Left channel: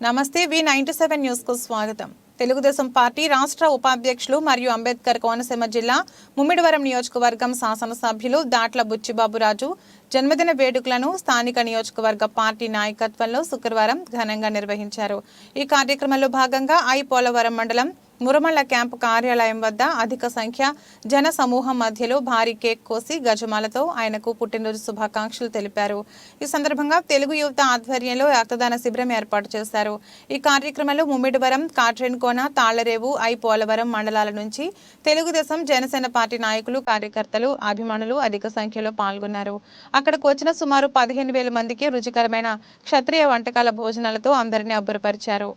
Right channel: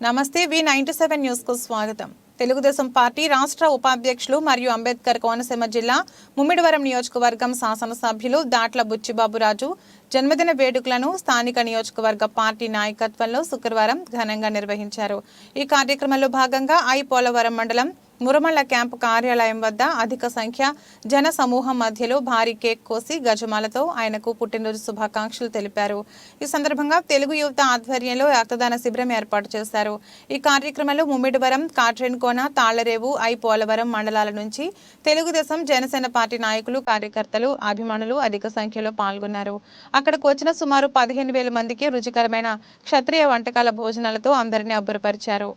నమస్తే V97 news కు స్వాగతం. తెలుగుదేశం పార్టీ రాష్ట్ర ఉపాధ్యక్షులు మరియు అంబేద్కర్ కోనసీమ జిల్లా ముమ్మిడివరం నియోజకవర్గం శాసనసభ్యులు దాట్ల బుచ్చిబాబురాజు జన్మదిన వేడుకలను స్థానిక నియోజకవర్గ పార్టీ నాయకత్వంలో శుక్రవారం ఘనంగా నిర్వహించారు. ఈ కార్యక్రమంలో భాగంగా పోలవరం మండలం మురమళ్ళ క్యాంపు కార్యాలయం వద్ద అధిక సంఖ్య జన సమూహం మధ్యలో భారీ కేక్ కోసి గజమాలతో ఆయనకు పుట్టినరోజు శుభాకాంక్షలు తెలిపారు. ఈ సందర్భంగా తెలుగు యువత ఆధ్వర్యంలో రక్తదాన శిబిరం ఏర్పాటు చేశారు. ఈ కార్యక్రమంలో ముమ్మిడివరం, కాట్రేన్కోన, తాళ్లరేవు, పోలవరం మండలాల నుంచి తెలుగుదేశం, జనసేన పార్టీ నాయకులు, కార్యకర్తలు, అభిమానులు అధిక సంఖ్యలో పాల్గొన్నారు. అక్కడకు వచ్చిన సుమారు 15,000 మందికి రుచికరమైన క్షత్రియ వంటకాల భోజనాలతో అందరినీ అబ్బురపరిచారు.